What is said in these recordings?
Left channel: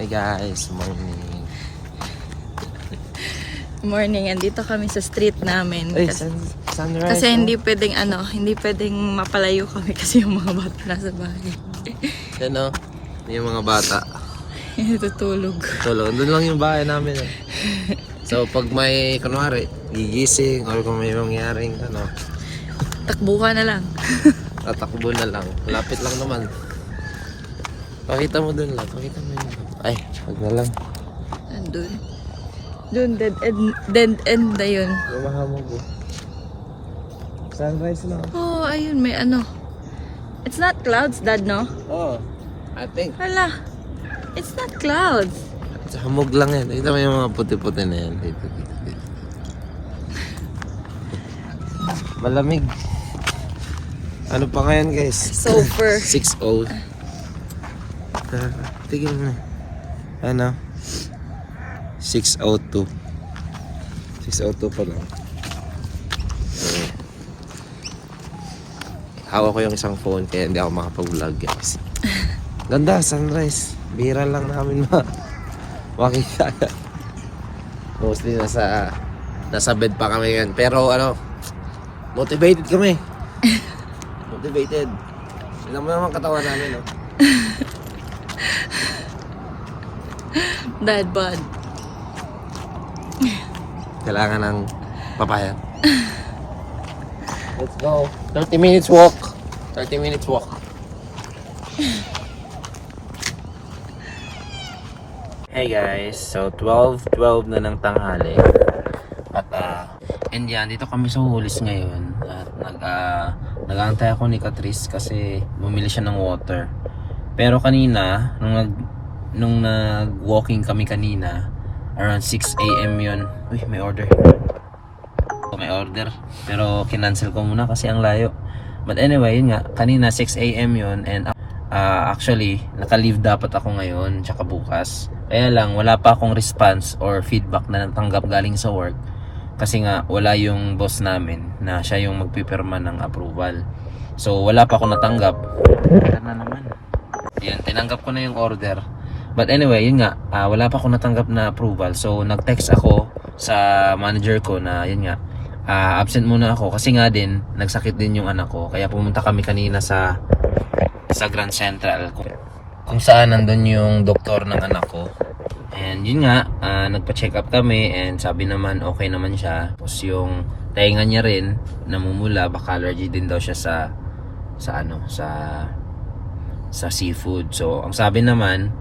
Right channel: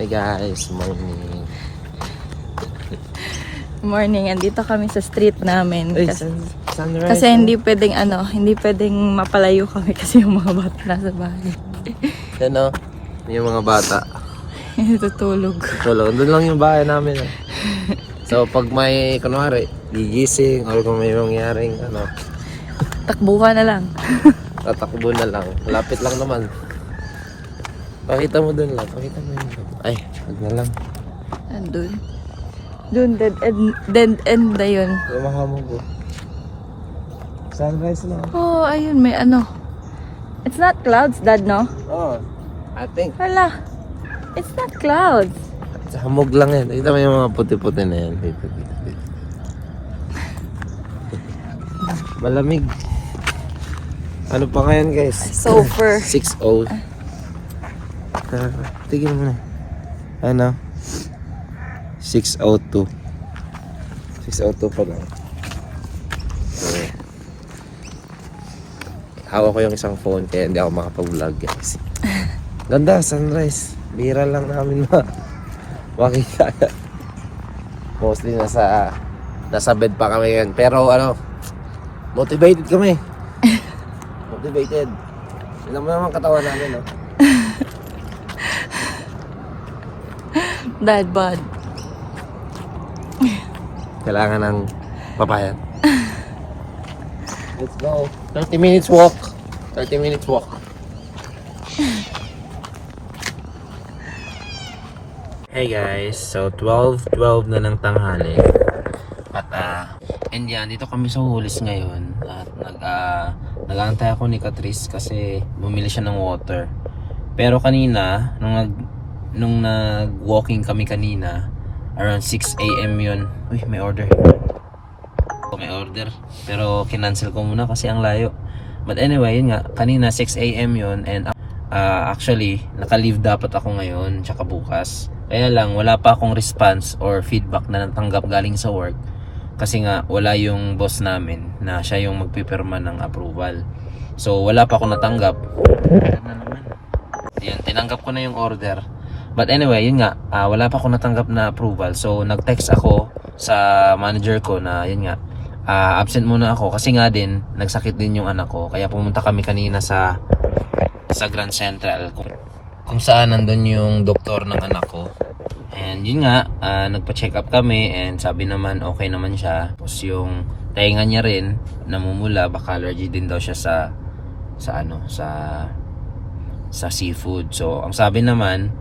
Hey guys, morning. Morning, andito kami sa street namin. Hey, Kasi, sunrise. kasi hindi pwedeng hindi pwedeng mapalayo kami kasi yung mga bata nasa bahay. Yan o, yung mga bata. Tutulog. Tulog, doon lang yung bahay namin. So pag may, kunwari, gigising or kung may mangyaring Takbuhan na lang. tatakbo na lang. Lapit lang naman. Pakita mo doon lang. Pakita mo yun. Ay, wag na lang. Andun. Doon, dead end na yun. Lumahamog ko. Sunrise lang. Oh, ayun, may It's not clouds, Dad, no? Oh, I think. Hala. It's not clouds. Hamog lang yan. Kita mo yung mga puti-puti na yan. Dito. Malamig. Ano pa ngayon guys? Super. 6:00. Tigil mo na. Ano? 6:02. 6:02 pa lang. Hawak ko yung isang phone kaya hindi ako makapag-vlog guys. Ganda, sunrise. Bihira lang namin makita. Mostly nasa bed pa kami ngayon. Pero motivated kami. Motivated. Tignan mo naman katawan namin, no? Dad bod. Kailangan ng papayat. Let's go. 30 minutes walk. 30 minutes walk. Hey guys, so 12 na ng tanghali. At and yan, dito kami sa Hulis ngayon. At nag-aantay ako ni Catrice kasi bumili siya ng water. Pero kanina, nung nag-walking kami kanina, around 6 AM yun. Uy, may order. May order. Pero kinancel ko muna kasi ang layo. But anyway, yun nga, kanina 6 AM yun. And actually, naka-leave dapat ako ngayon, tsaka bukas. Kaya lang, wala pa akong response or feedback na natanggap galing sa work. Kasi nga, wala yung boss namin na siya yung magpipirma ng approval. So, wala pa akong natanggap. Yan, tinanggap ko na yung order. But anyway, yun nga, wala pa akong natanggap na approval. So, nag-text ako sa manager ko na, yun nga, absent muna ako. Kasi nga din, nagsakit din yung anak ko. Kaya pumunta kami kanina sa Grand Central. Kung saan nandun yung doktor ng anak ko. And yun nga, nagpa-check up kami and sabi naman okay naman siya. Tapos yung tainga niya rin namumula, baka allergy din daw siya sa seafood. So ang sabi naman,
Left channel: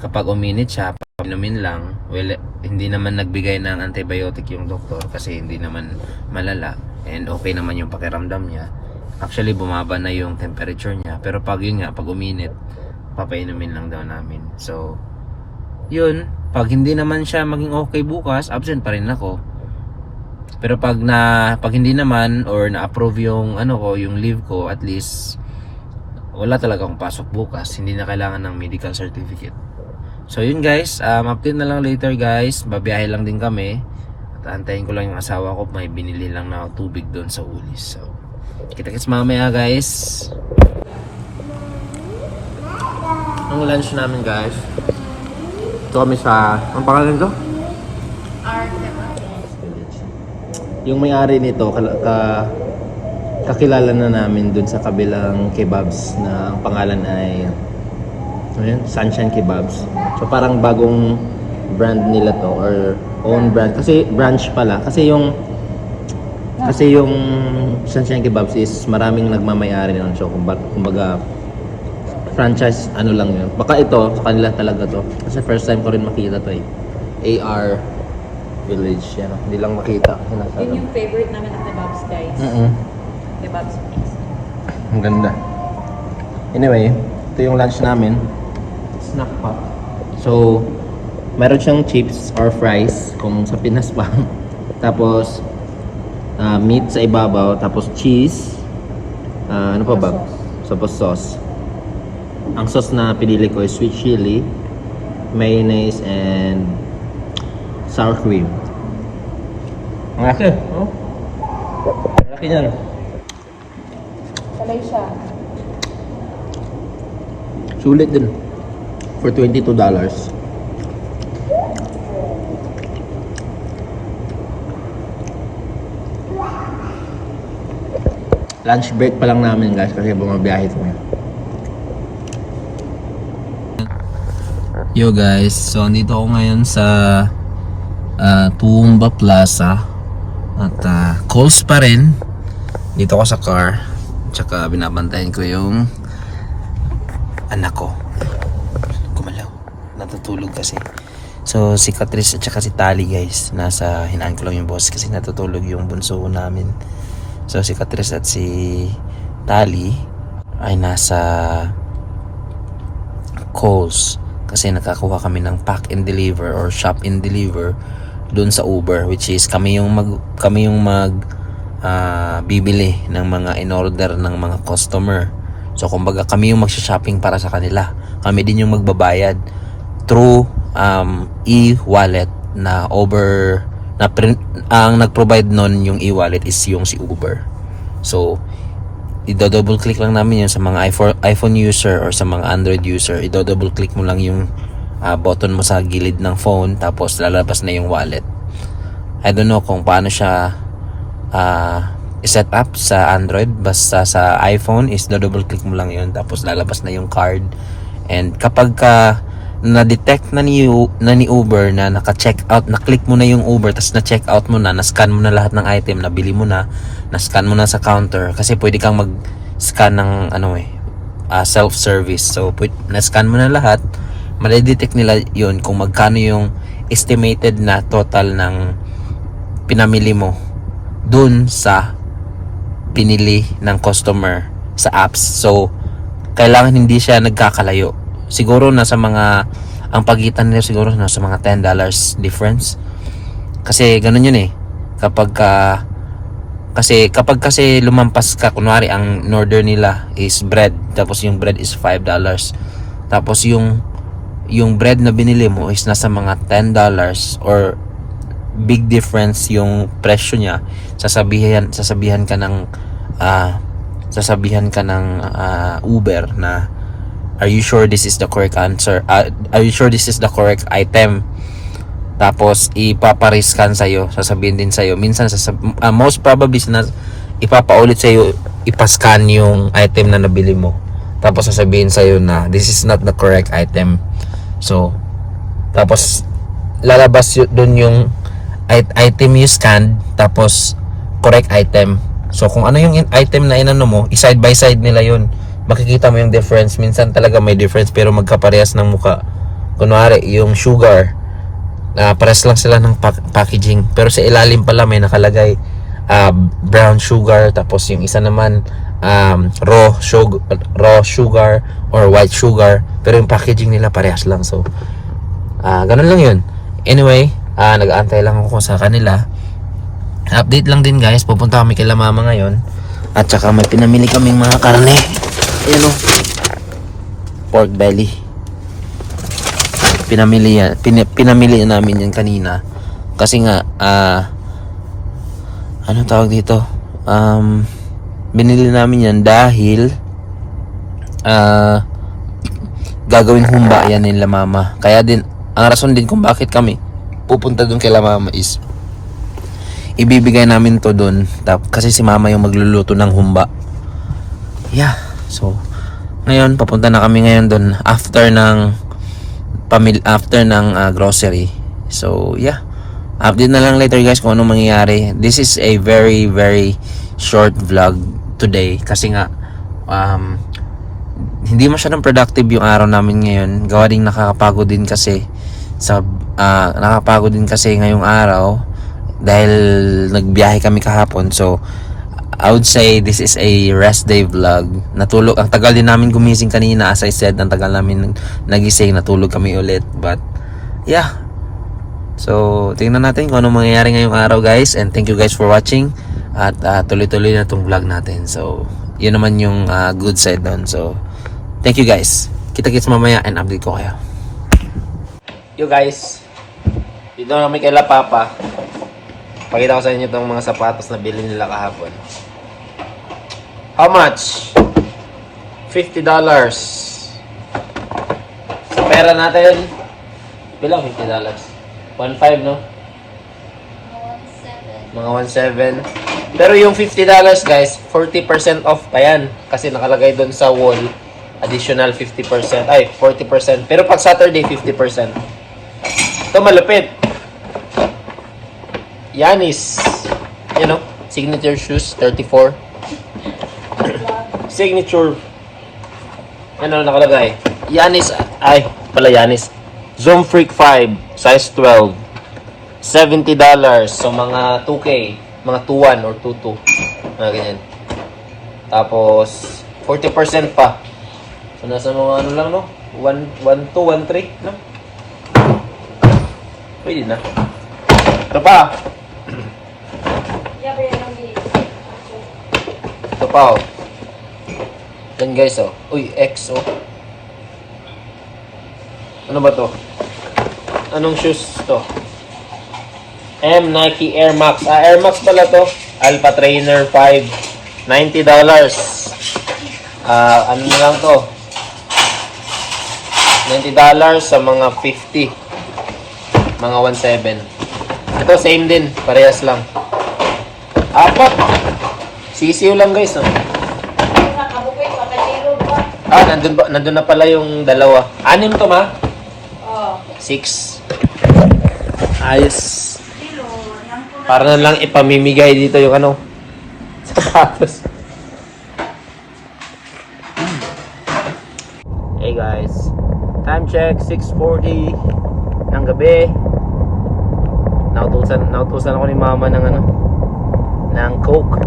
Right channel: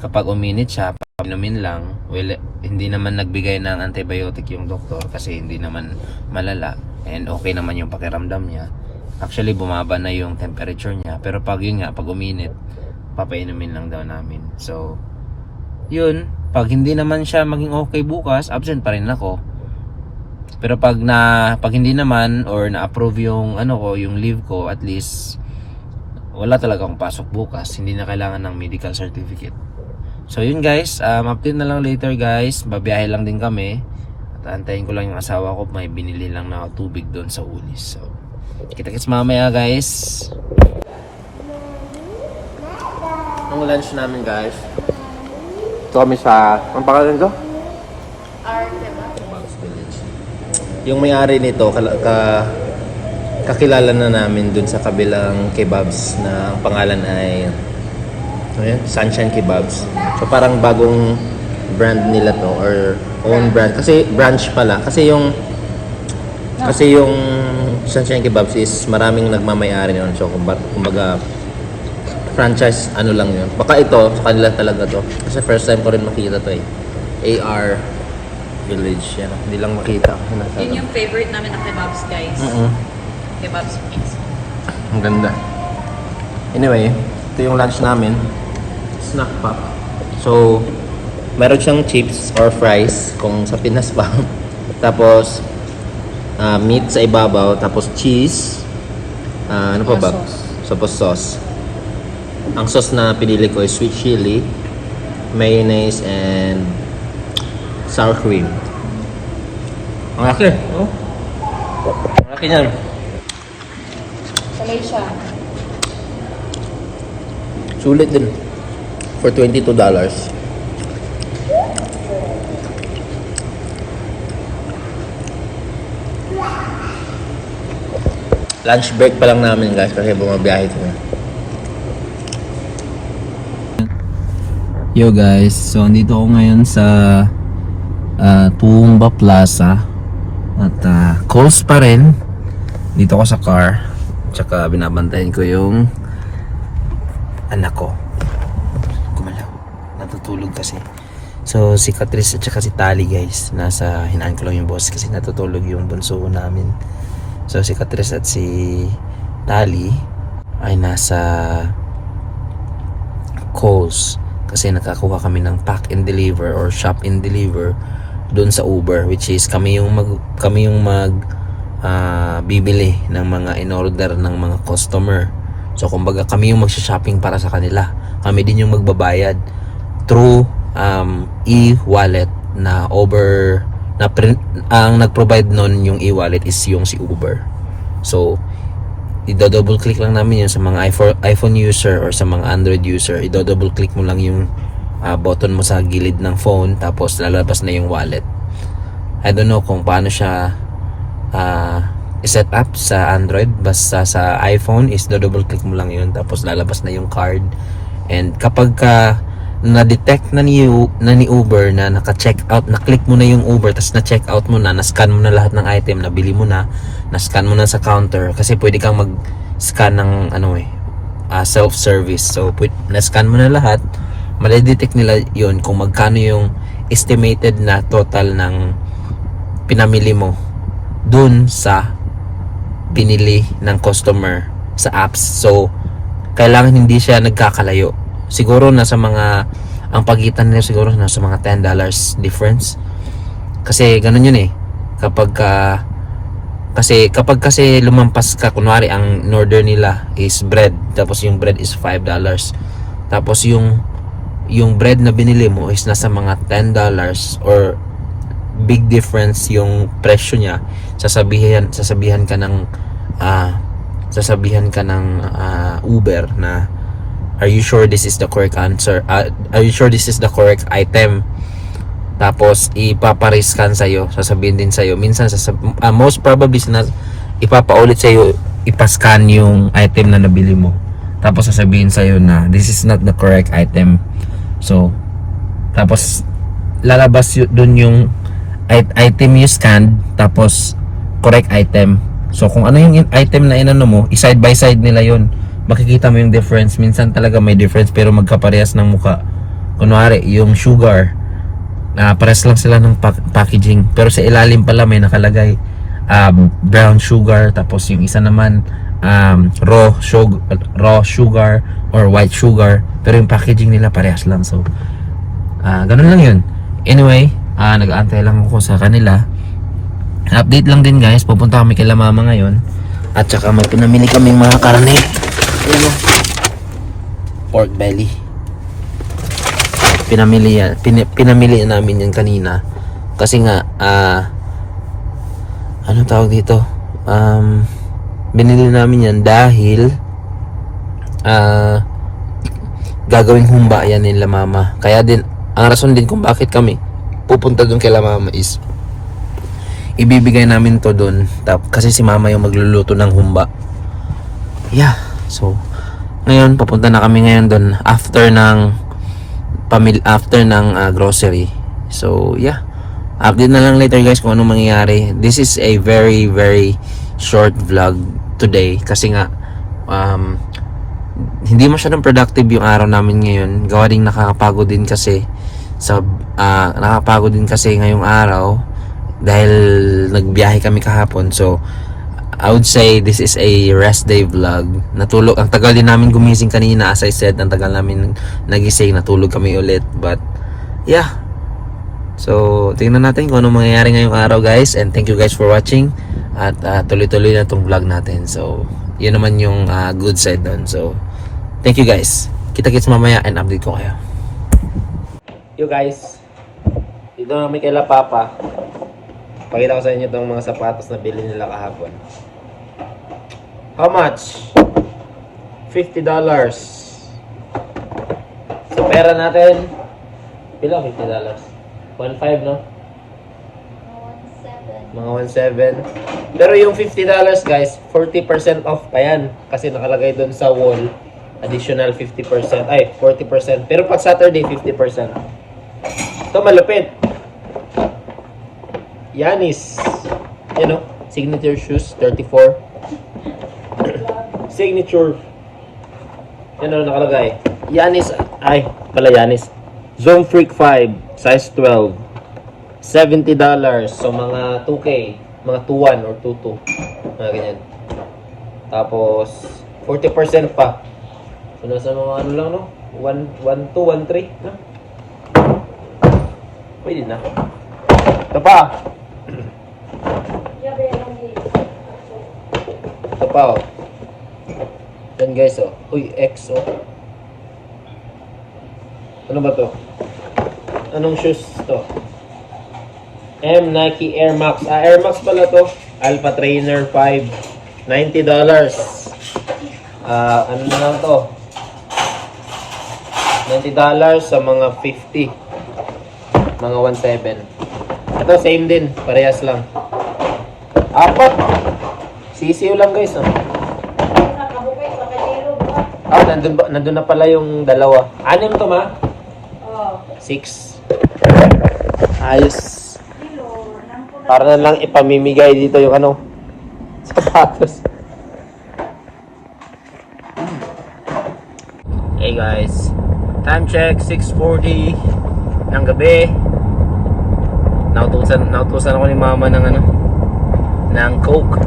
kapag uminit siya, inumin lang, well, hindi naman nagbigay ng antibiotic yung doktor kasi hindi naman malala and okay naman yung pakiramdam niya. Actually bumaba na yung temperature niya, pero pag uminit, papainumin lang daw namin. So yun, pag hindi naman siya maging okay bukas, absent pa rin ako. Pero pag hindi naman or na-approve yung yung leave ko, at least wala talaga akong pasok bukas. Hindi na kailangan ng medical certificate. So yun guys, update na lang later guys. Babiyahe lang din kami. At antayin ko lang yung asawa ko, may binili lang na tubig doon sa Ulis. So kita-kits mamaya guys. Ang lunch namin guys. Ito kami sa, ang pangalan nito? Yung may-ari nito, kakilala na namin dun sa kabilang kebabs na ang pangalan ay Sunshine Kebabs. So parang bagong brand nila to or own brand. Kasi branch pala. Kasi yung Sunshine Kebabs is maraming nagmamay-ari nun. So kumbaga franchise lang yun. Baka ito, sa kanila talaga to. Kasi first time ko rin makita to AR Village. Yan. Hindi lang makita. Yun yung favorite namin na kebabs, guys. Kebabs please. Ang ganda. Anyway, ito yung lunch namin. Snack pack. So, meron siyang chips or fries kung sa Pinas pa. Tapos, meat sa ibabaw. Tapos cheese. Ano pa ba? Tapos sauce. Ang sauce na pinili ko is sweet chili, mayonnaise, and sour cream. Ang laki. Oh. Ang laki niyan. Salay siya. Sulit din. For $22. Lunch break pa lang namin guys kasi bumabiyahe kami. Yo guys, so andito ako ngayon sa Tumba Plaza at calls pa rin. Dito ako sa car. Tsaka binabantayan ko yung anak ko. Kumalaw. Natutulog kasi. So si Catrice at saka si Tali guys. Hinaan ko lang yung boss kasi natutulog yung bunso namin. So si Catrice at si Tali ay nasa calls kasi nakakuha kami ng pack and deliver or shop and deliver doon sa Uber, which is kami yung bibili ng mga in-order ng mga customer. So kumbaga kami yung magsha-shopping para sa kanila. Kami din yung magbabayad through e-wallet na ang nag-provide nun yung e-wallet is yung si Uber. So i-double click lang namin yun sa mga iPhone user or sa mga Android user. I-double click mo lang yung button mo sa gilid ng phone, tapos lalabas na yung wallet. I don't know kung paano siya set up sa Android, basta sa iPhone is double click mo lang yun, tapos lalabas na yung card. And kapag na-detect na ni Uber na naka-check out, na-click mo na yung Uber, tapos na-check out mo na, na-scan mo na lahat ng item, nabili mo na-scan mo na sa counter, kasi pwede kang mag-scan ng self-service. So na-scan mo na lahat, madedetect nila yun kung magkano yung estimated na total ng pinamili mo dun sa binili ng customer sa apps. So kailangan hindi siya nagkakalayo. Siguro ang pagitan nila siguro nasa mga $10 difference. Kasi ganun yun kapag kasi lumampas ka, kunwari ang order nila is bread, tapos yung bread is $5, tapos yung bread na binili mo is nasa mga $10 or big difference yung presyo niya, sasabihan ka ng Uber na, are you sure this is the correct answer? Are you sure this is the correct item? Tapos ipapariskan sa'yo, sasabihin din sa'yo. Minsan most probably ipapaulit sa'yo, ipascan yung item na nabili mo. Tapos sasabihin sa'yo na this is not the correct item. So tapos lalabas doon yung item you scanned, tapos correct item. So kung ano yung item na inano mo, side by side nila yun, makikita mo yung difference. Minsan talaga may difference pero magkaparehas ng muka. Kunwari yung sugar, parehas lang sila ng packaging, pero sa ilalim pala may nakalagay brown sugar, tapos yung isa naman raw sugar or white sugar, pero yung packaging nila parehas lang. So ganun lang yun. Anyway, nag-aantay lang ako sa kanila. Update lang din guys, pupunta kami kay Mama ngayon, at saka may pinamili kaming mga karne. Ayan pork belly. Pinamili namin yan kanina kasi nga ano tawag dito, binili namin yan dahil gagawing humba yan nila Mama. Kaya din ang rason din kung bakit kami pupunta doon kay Mama is ibibigay namin to doon kasi si Mama yung magluluto ng humba. Yeah, so ngayon papunta na kami ngayon doon after ng grocery. So yeah, update na lang later guys kung anong mangyayari. This is a very very short vlog today kasi nga hindi masyadong productive yung araw namin ngayon. Gawa ding nakakapagod din kasi ngayong araw dahil nagbiyahe kami kahapon. So I would say this is a rest day vlog. Natulog, ang tagal din namin gumising kanina, as I said, ang tagal namin nagising, natulog kami ulit. But yeah, so tingnan natin kung ano mangyayari ngayong araw guys, and thank you guys for watching. At tuloy-tuloy na itong vlog natin. So yun naman yung good side doon. So thank you guys, kita-kits mamaya and update ko kayo. Yo guys, dito kami kay La Papa. Pakita ko sa inyo itong mga sapatos na bilhin nila kahapon. How much? $50. Sa pera natin, bilang $50? 1.5 no? Mga 1.7. Pero yung $50 guys, 40% off pa yan. Kasi nakalagay doon sa wall, additional 50%, ay 40%. Pero pag Saturday, 50%. Ito malupit. Yanis. You know, signature shoes, 34. Signature. Yan ano nakalagay. Yanis, ay, pala Yanis. Zoom Freak 5, size 12. $70. So, mga 2K. Mga 2-1 or 2-2. Mga ganyan. Tapos, 40% pa. So, nasa mga ano lang, no? 1-2, 1-3, no? Pwede na. Ito pa. Ito pa, oh. Yan, guys, oh. Uy, X, oh. Ano ba to? Anong shoes to? Nike Air Max. Air Max pala to. Alpha Trainer 5. $90. Ano na lang to? $90 sa mga 50. Mga 1.7. Ito same din. Parehas lang. Apat. Sisiyo lang guys. Oh. Nandun na pala yung dalawa. 6 to ma? 6. Ayos. Para na lang ipamimigay dito yung ano, sapatos. Hey guys, time check 6:40 ng gabi. Nautusan ako ni mama ng ano, ng Coke.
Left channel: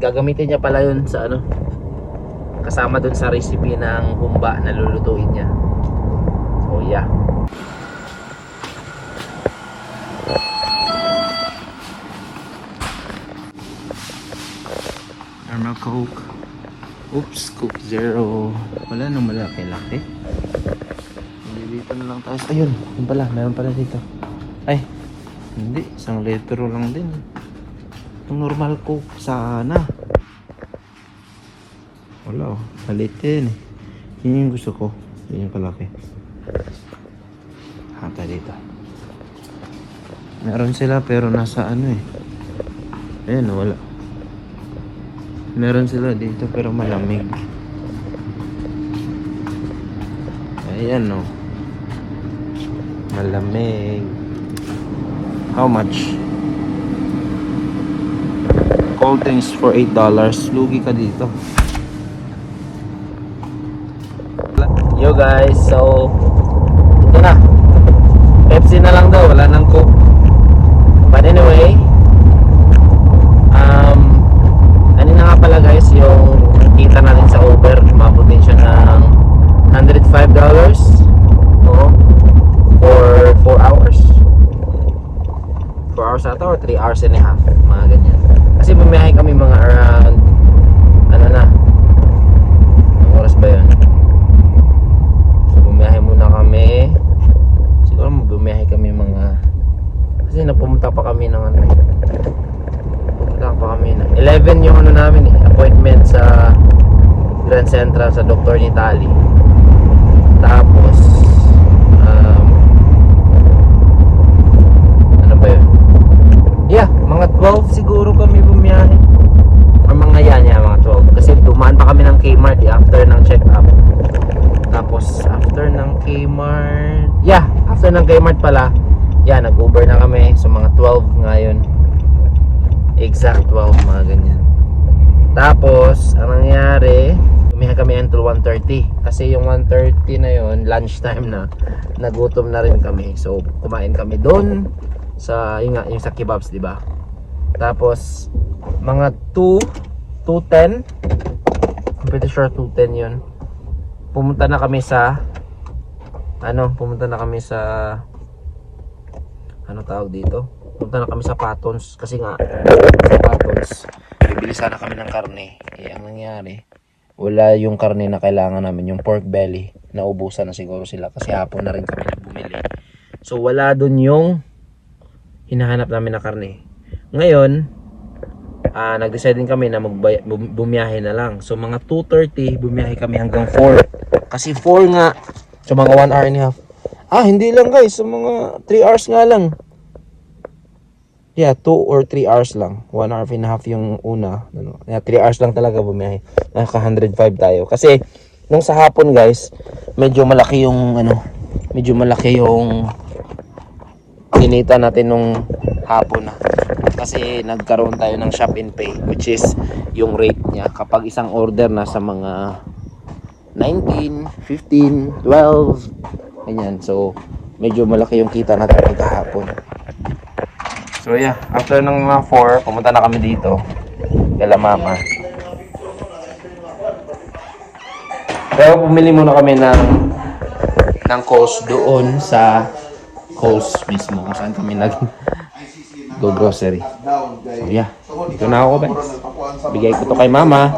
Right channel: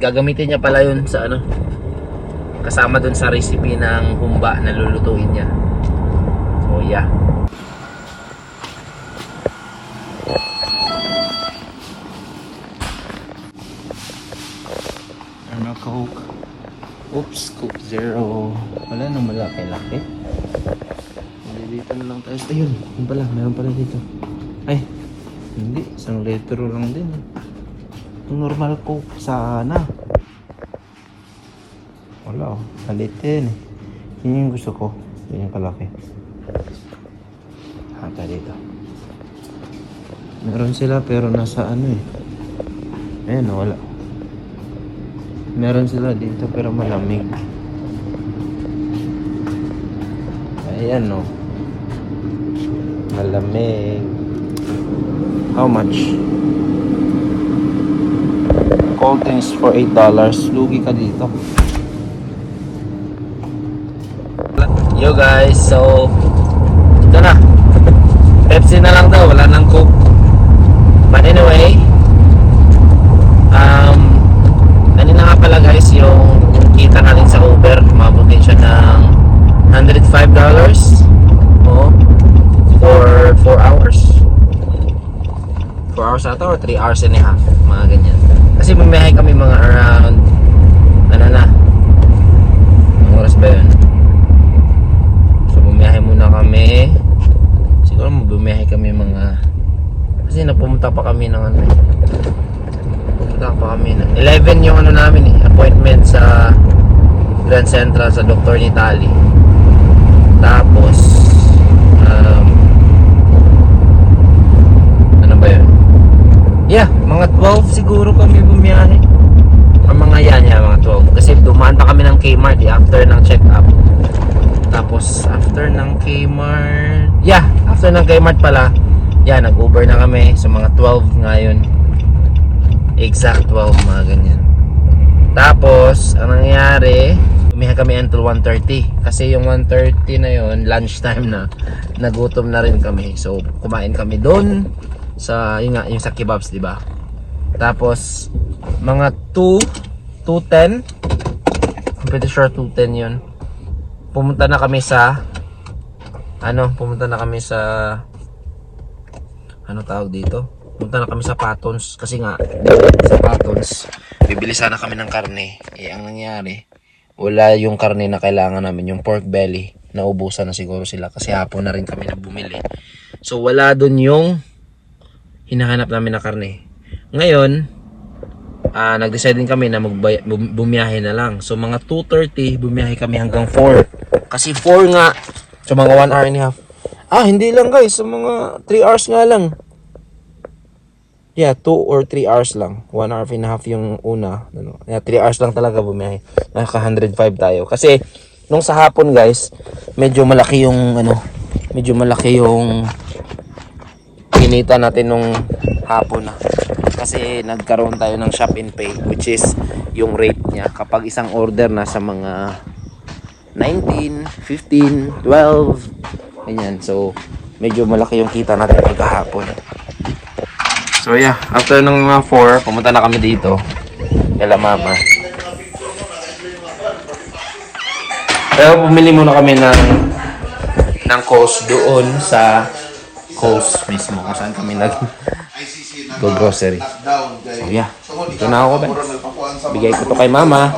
Gagamitin niya pala yun sa ano, kasama dun sa recipe ng humba na lulutuin niya. So yeah. Normal Coke. Oops, Coke Zero. Wala nang malaki-laki. Dito na lang tayo. Ayun, yun pala, meron pala dito. Ay, hindi, 1 litro lang din. Yung normal Coke sana. Wala, palitin. Yun yung gusto ko. Yun yung kalaki. Hata dito. Meron sila pero nasa ano eh. Ayun, wala. Meron sila dito pero malamig. Ayan no. Malamig. How much? Cold drinks for $8. Lugi ka dito. Yo guys, so ito na. Pepsi na lang daw, wala nang Coke. But anyway, kanina nga pala guys, yung kita natin sa Uber, mabutin siya ng $105. Oo. For 4 hours. 4 hours ata or 3 hours and a half, mga ganyan. Kasi bumiyahe kami mga around ano na, ang oras ba yun? So bumiyahe muna kami, siguro bumiyahe kami mga, kasi napumunta pa kami ng ano, pumunta pa kami ng 11 yung ano namin eh, appointment sa Grand Central sa Dr. Nitali. Tapos ano ba yun? Yeah, mga 12 siguro kami bumiyahe. Ang mga mga 12. Kasi dumaan pa kami ng Kmart after ng check-up. Tapos after ng Kmart, after ng Kmart pala, nag-Uber na kami. So mga 12 ngayon. Exact 12, mga ganyan. Tapos, ang nangyari, bumiyahe kami until 1:30. Kasi yung 1:30 na yun, lunchtime na, nagutom na rin kami. So, kumain kami doon sa, yung sa kebabs, di ba? Tapos, mga 2:10, I'm pretty sure 2:10 yun. Pumunta na kami sa, ano tawag dito? Punta na kami sa Patons kasi nga sa Patons bibili sana kami ng karne. Ang nangyari, wala yung karne na kailangan namin, yung pork belly. Naubusan na siguro sila kasi hapon na rin kami na bumili. So wala dun yung hinahanap namin na karne. Ngayon, nag-decide din kami na bumiyahe na lang. So mga 2:30 bumiyahe kami hanggang 4. Kasi 4 nga, so mga 1 hour and a half. Hindi lang guys, sa mga 3 hours nga lang. Yeah, 2 or 3 hours lang. 1 hour and a half yung una. Ano, 3 hours lang talaga bumiyahe. Naka 105 tayo. Kasi, nung sa hapon guys, medyo malaki yung kinita natin nung hapon na. Kasi nagkaroon tayo ng shop and pay, which is yung rate niya. Kapag isang order na sa mga 19, 15, 12, ganyan. So, medyo malaki yung kita natin pagkahapon. So yeah, after ng mga 4, pumunta na kami dito. Kala mama. Kaya bumili muna kami ng Coles doon sa Coles mismo kung saan kami go grocery. So yeah, dito na ako ba? Bigay ko to kay mama.